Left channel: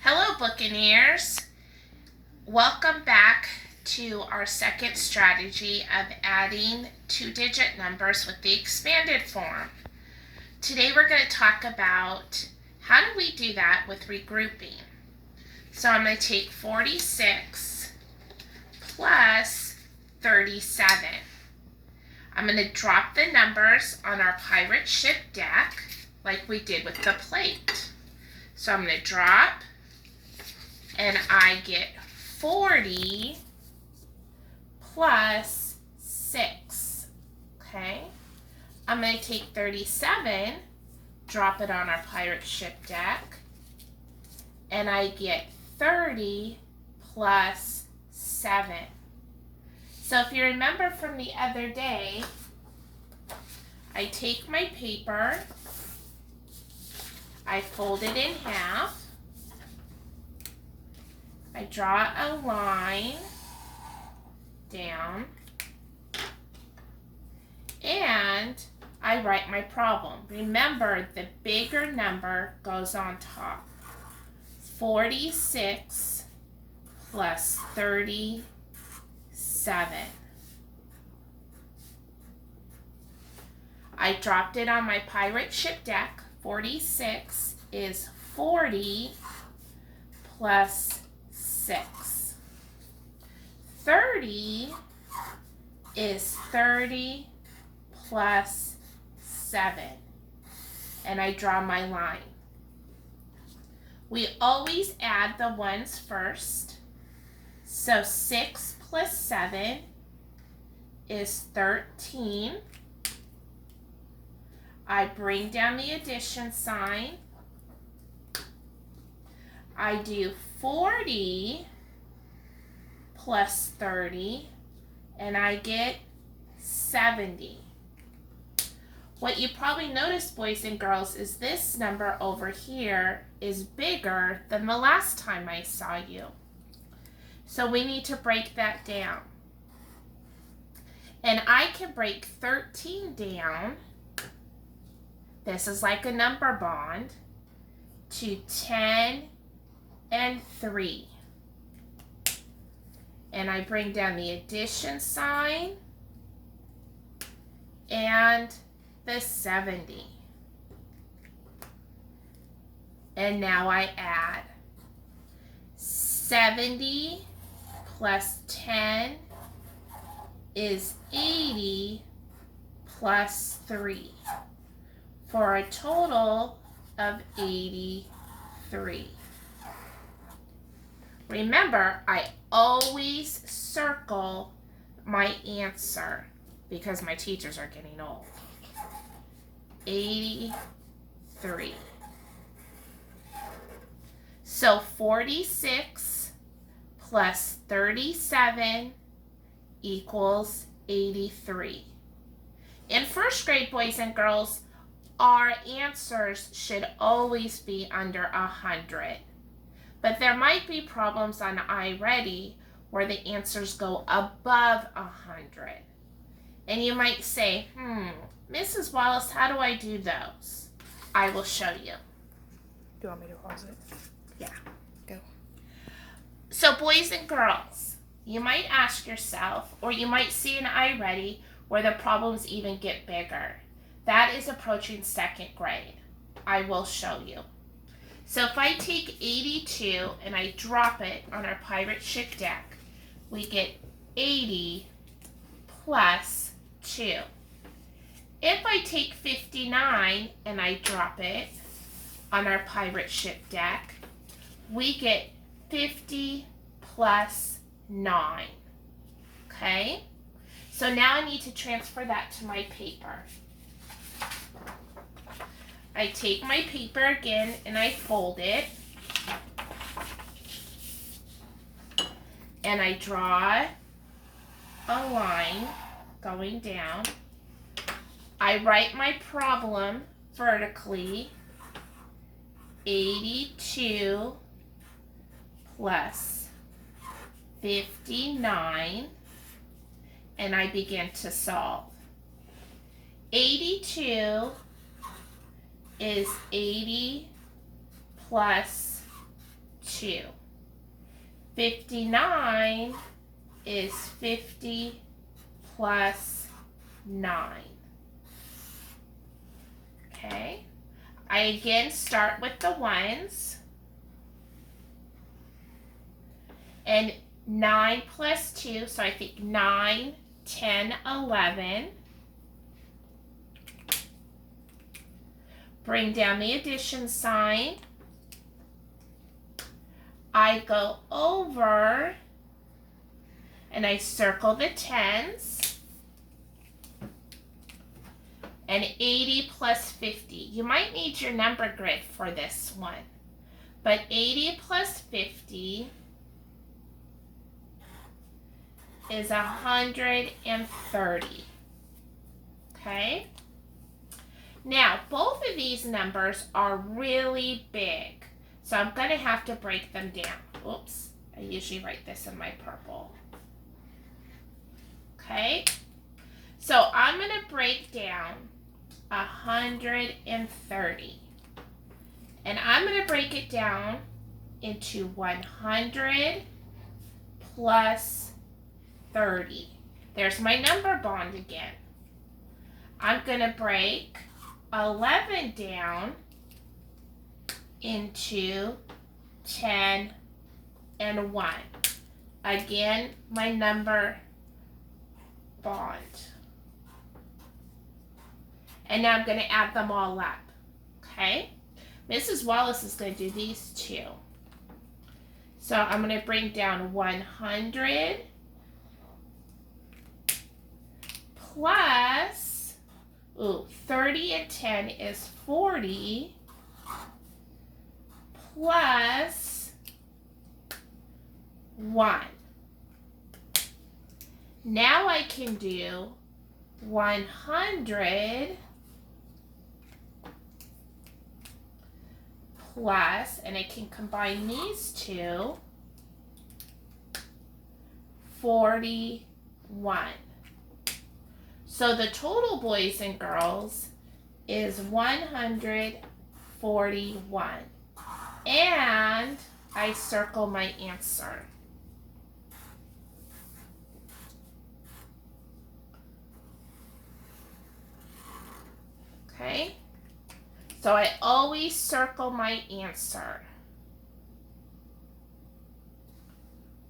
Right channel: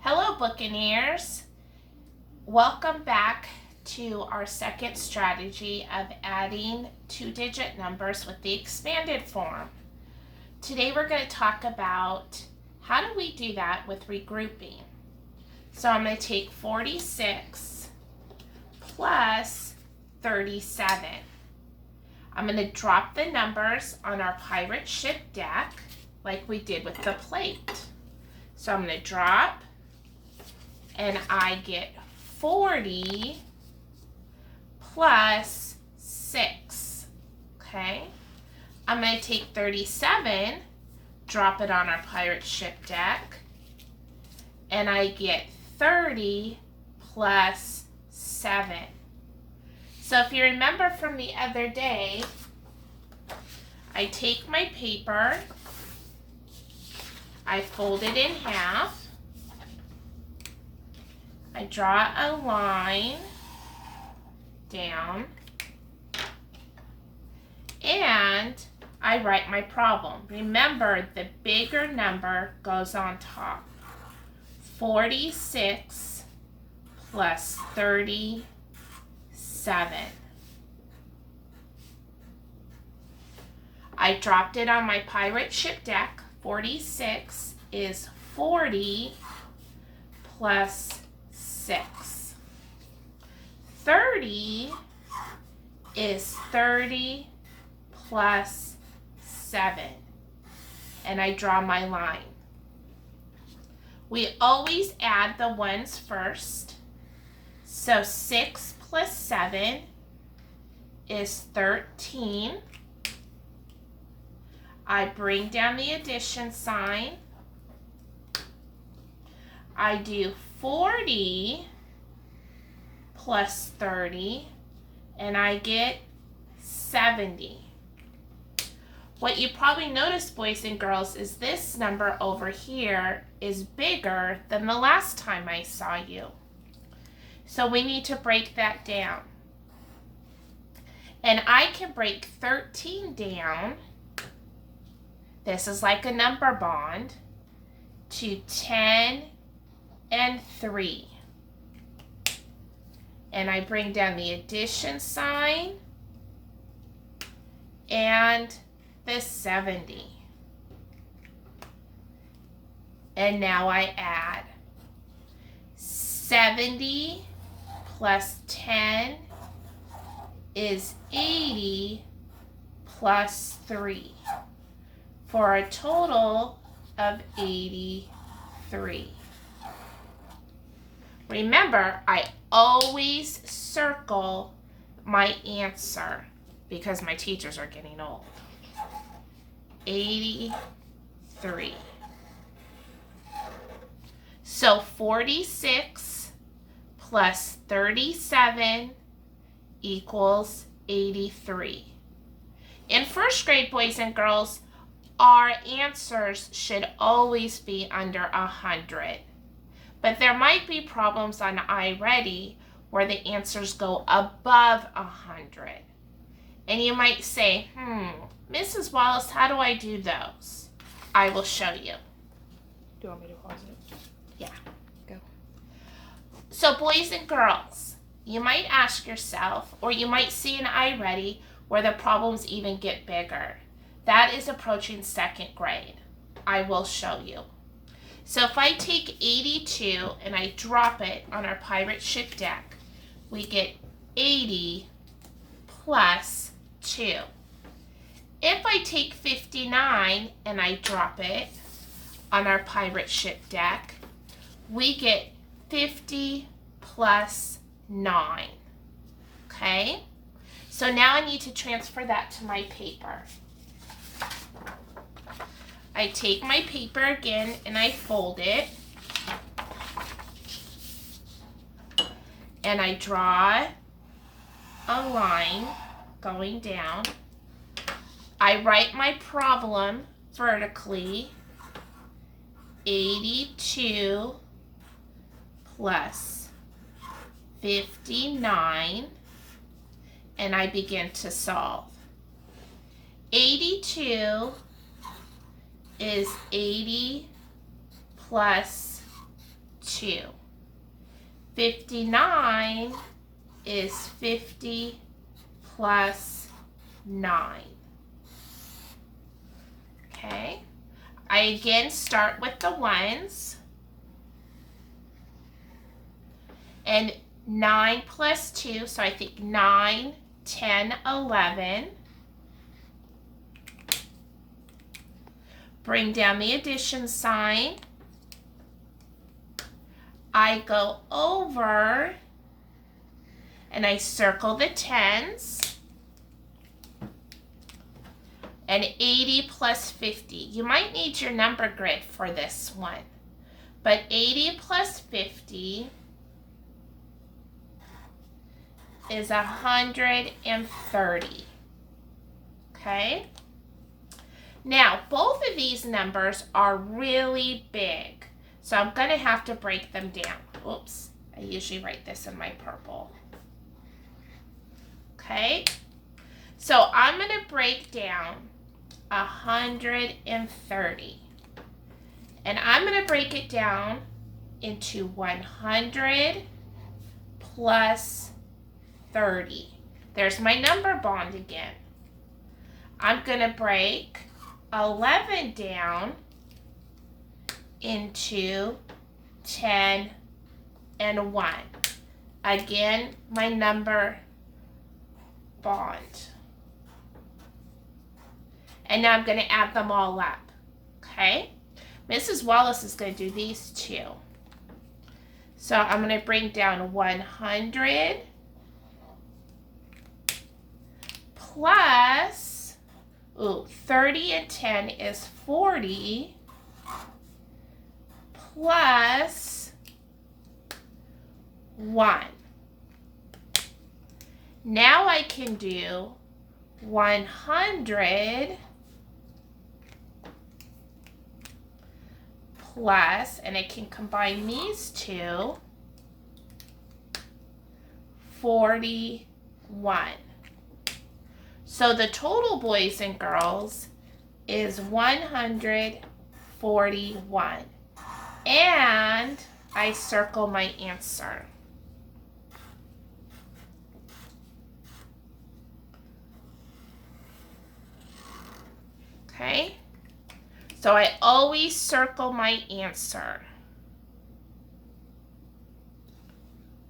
Hello, Buccaneers. Welcome back to our second strategy of adding two-digit numbers with the expanded form. Today we're going to talk about how do we do that with regrouping. So I'm going to take 46 plus 37. I'm going to drop the numbers on our pirate ship deck like we did with the plate. So I'm going to drop, and I get 40 plus 6, okay? I'm going to take 37, drop it on our pirate ship deck, and I get 30 plus 7. So if you remember from the other day, I take my paper, I fold it in half, I draw a line down, and I write my problem. Remember, the bigger number goes on top. 46 plus 37. I dropped it on my pirate ship deck. 46 is 40 plus 6. 30 is 30 plus 7. And I draw my line. We always add the ones first. So 6 plus 7 is 13. I bring down the addition sign. I do 40 plus 30, and I get 70. What you probably noticed, boys and girls, is this number over here is bigger than the last time I saw you. So we need to break that down. And I can break 13 down. This is like a number bond, to 10 and 3. And I bring down the addition sign and the 70. And now I add 70 plus 10 is 80 plus 3 for a total of 83. Remember, I always circle my answer because my teachers are getting old. 83. So 46 plus 37 equals 83. In first grade, boys and girls, our answers should always be under 100. But there might be problems on iReady where the answers go above 100. And you might say, Mrs. Wallace, how do I do those? I will show you. Do you want me to pause it? Yeah. Go. So boys and girls, you might ask yourself, or you might see in iReady where the problems even get bigger. That is approaching second grade. I will show you. So if I take 82 and I drop it on our pirate ship deck, we get 80 plus 2. If I take 59 and I drop it on our pirate ship deck, we get 50 plus 9. Okay? So now I need to transfer that to my paper. I take my paper again and I fold it. And I draw a line going down. I write my problem vertically. 82 plus 59. And I begin to solve. 82 is 80 plus 2. 59 is 50 plus 9. Okay, I again start with the ones. And 9 plus 2, so I think 9, 10, 11. Bring down the addition sign. I go over and I circle the tens. And 80 plus 50. You might need your number grid for this one. But 80 plus 50 is 130. Okay? Now, both of these numbers are really big. So I'm going to have to break them down. Oops, I usually write this in my purple. Okay? So I'm going to break down 130. And I'm going to break it down into 100 plus 30. There's my number bond again. I'm going to break 11 down into 10 and 1. Again, my number bond. And now I'm going to add them all up. Okay? Mrs. Wallace is going to do these two. So I'm going to bring down 100 plus, 30 and 10 is 40 plus 1. Now I can do 100 plus, and I can combine these two, 41. So the total, boys and girls, is 141. And I circle my answer. Okay? So I always circle my answer.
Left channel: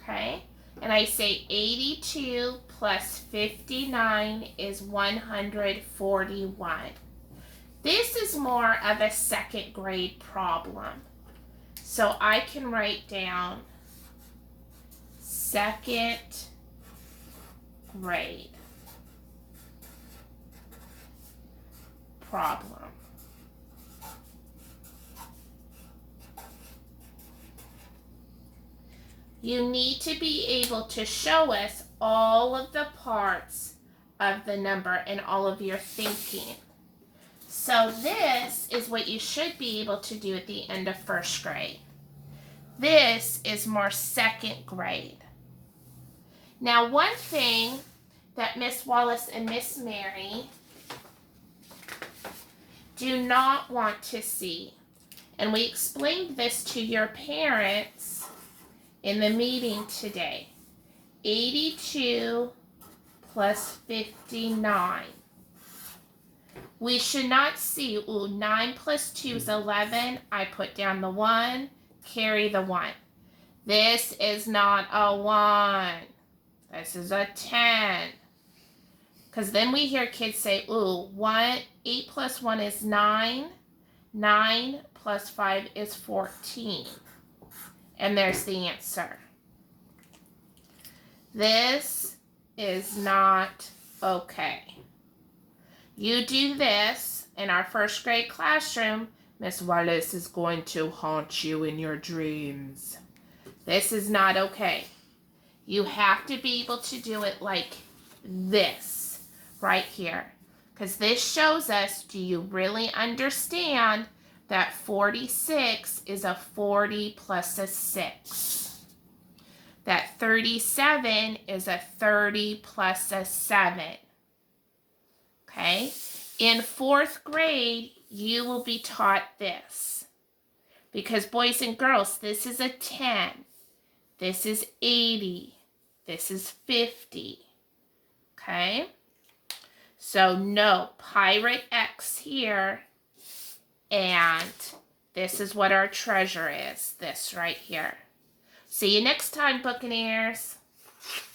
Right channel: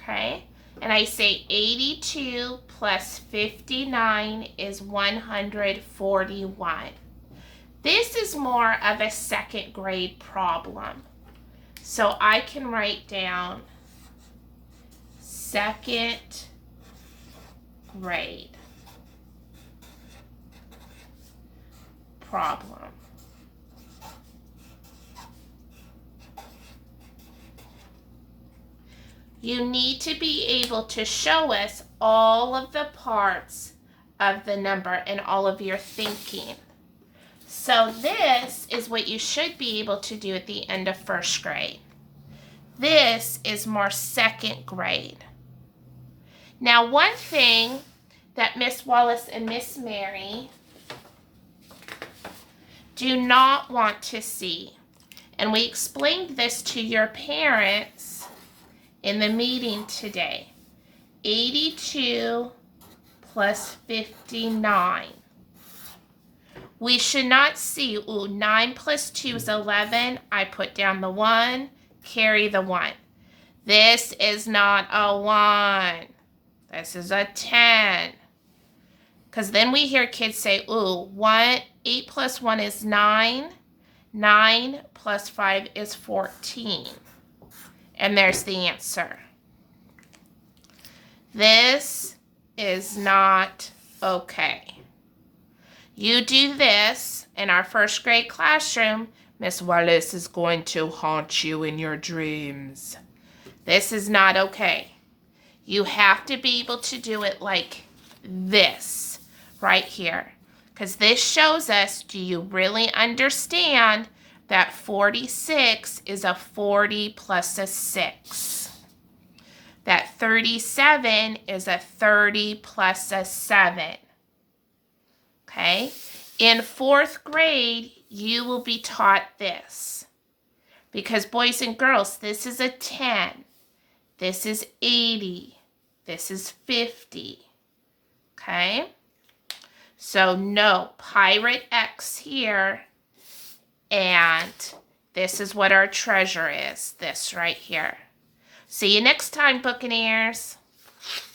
Okay? And I say 82 plus 59 is 141. This is more of a second grade problem. So I can write down second grade problem. You need to be able to show us all of the parts of the number and all of your thinking. So this is what you should be able to do at the end of first grade. This is more second grade. Now, one thing that Miss Wallace and Miss Mary do not want to see, and we explained this to your parents in the meeting today, 82 plus 59. We should not see, 9 plus 2 is 11. I put down the 1, carry the 1. This is not a 1. This is a 10. Because then we hear kids say, 8 plus 1 is 9. 9 plus 5 is 14. And there's the answer. This is not okay. You do this in our first grade classroom, Miss Wallace is going to haunt you in your dreams. This is not okay. You have to be able to do it like this, right here. Because this shows us, do you really understand that 46 is a 40 plus a 6? That 37 is a 30 plus a 7. Okay? In fourth grade, you will be taught this. Because boys and girls, this is a 10. This is 80. This is 50. Okay? So no, pirate X here. And this is what our treasure is. This right here. See you next time, Buccaneers.